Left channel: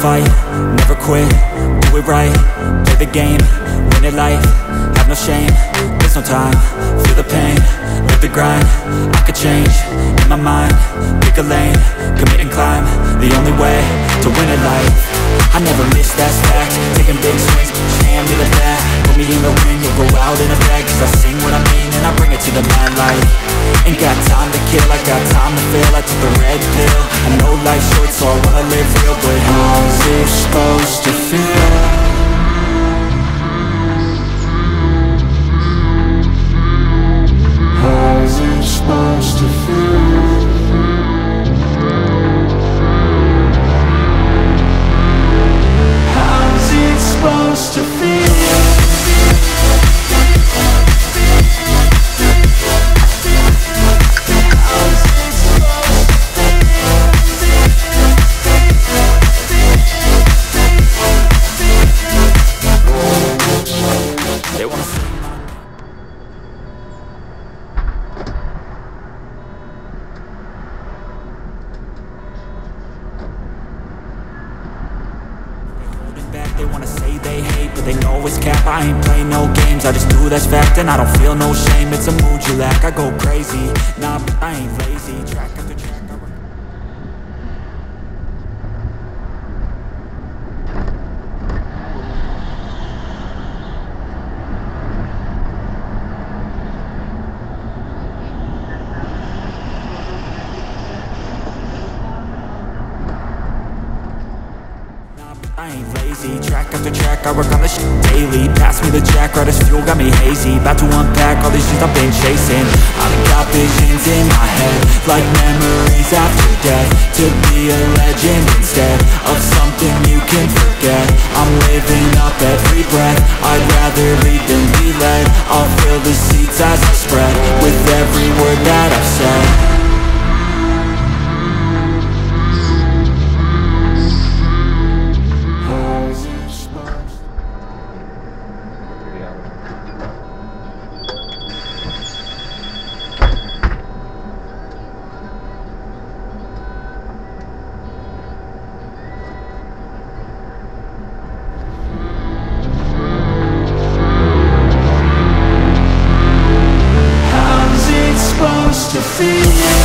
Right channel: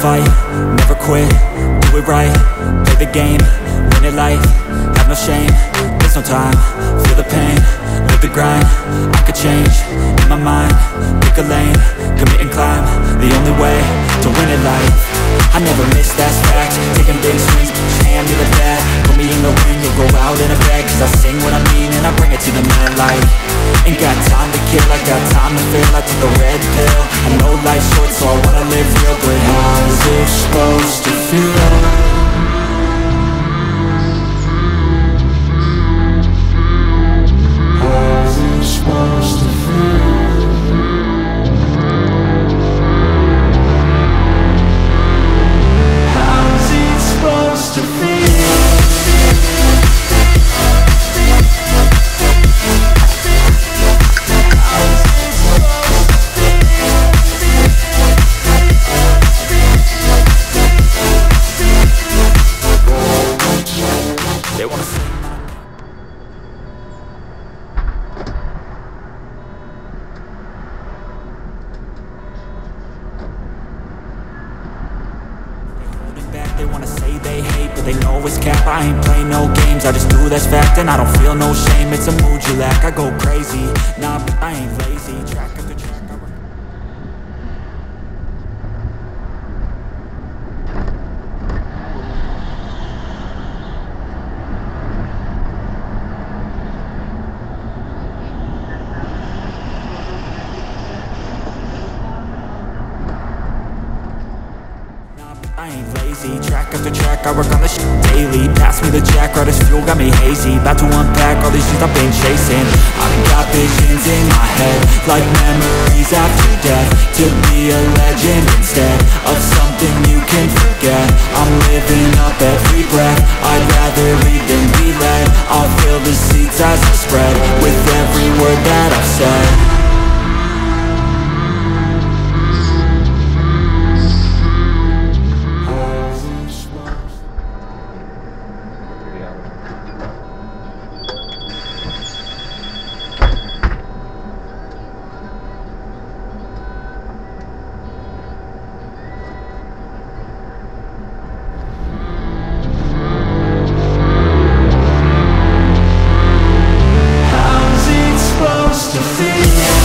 Fight, never quit, do it right, play the game, win it life, have no shame, there's no time, feel the pain, live the grind, I could change, in my mind, pick a lane, commit and climb, the only way to win it life, I never miss, that's fact, taking big swings, hand me the bat, put me in the ring, you'll go out in a bag, cause I sing what I mean and I bring it to the mad light, ain't got time to kill, I got time to feel, I took the red pill, I know life's short so I wanna live real, but how's it supposed to feel? How's it supposed to feel? How's it supposed to feel? They wanna see my holding back, they wanna say they hate, but they know it's cap. I ain't play no games, I just do that's fact, and I don't feel no shame. It's a mood you lack, I go crazy. Nah, but I ain't lazy. Track after track, I ain't lazy, track after track, I work on this shit daily. Pass me the jack, right as fuel, got me hazy. About to unpack all these things I've been chasing. I've got visions in my head, like memories after death. To be a legend instead of something you can forget. I'm living up every breath, I'd rather lead than be led. I'll fill the seats as I spread, with every word that I've said. To feel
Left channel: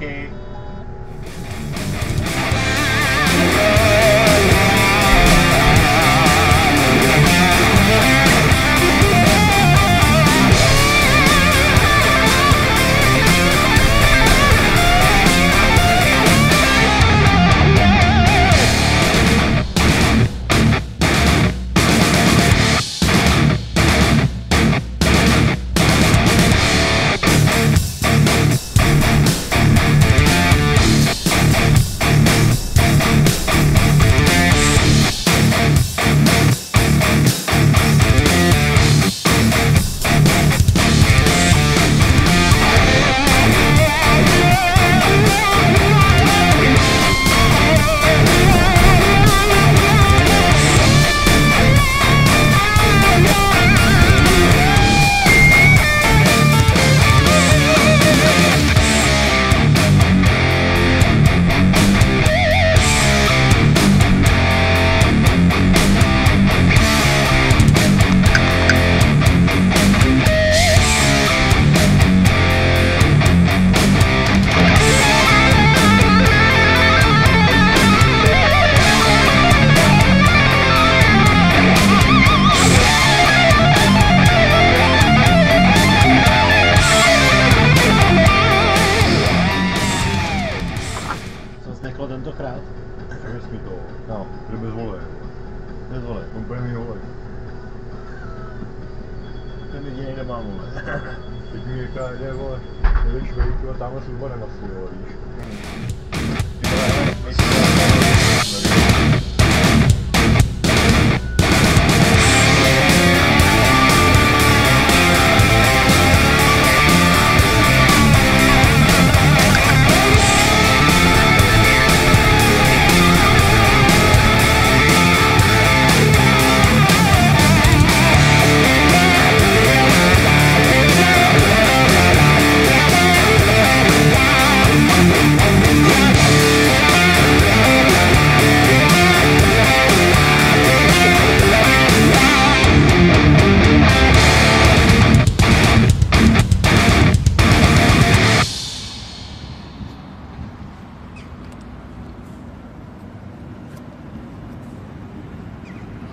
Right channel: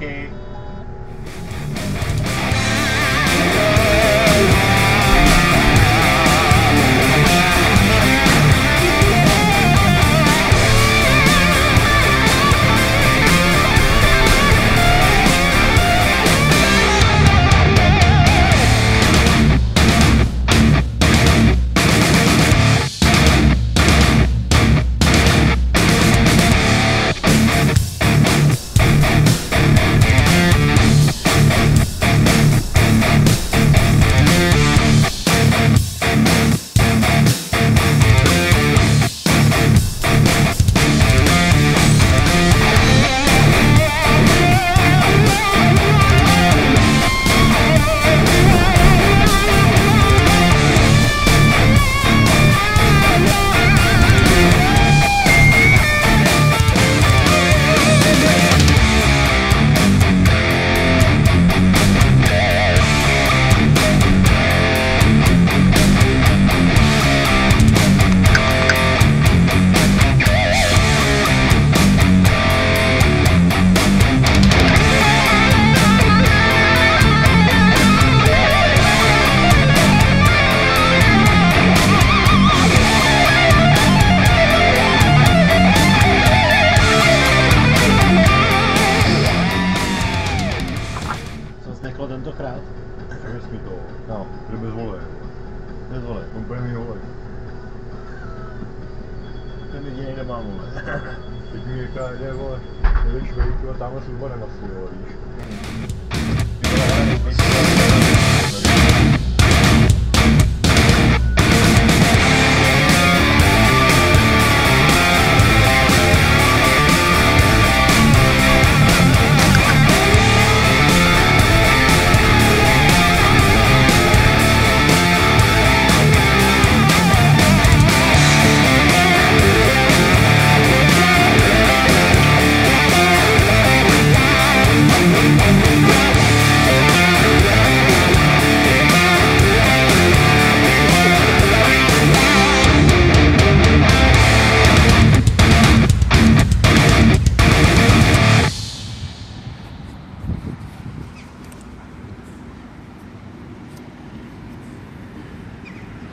taky. Tentokrát? Řekněš mi to, no, jde bez vole. Bez vole. On bude mi vole. Ten jediný nemá vole. Teď mi říká, jde vole, jdeš vejku a tamhle s úborem asi, vole, víš. Ty vole, hele, nejsi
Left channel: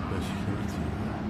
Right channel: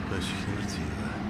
To je všichni mrtví, vole.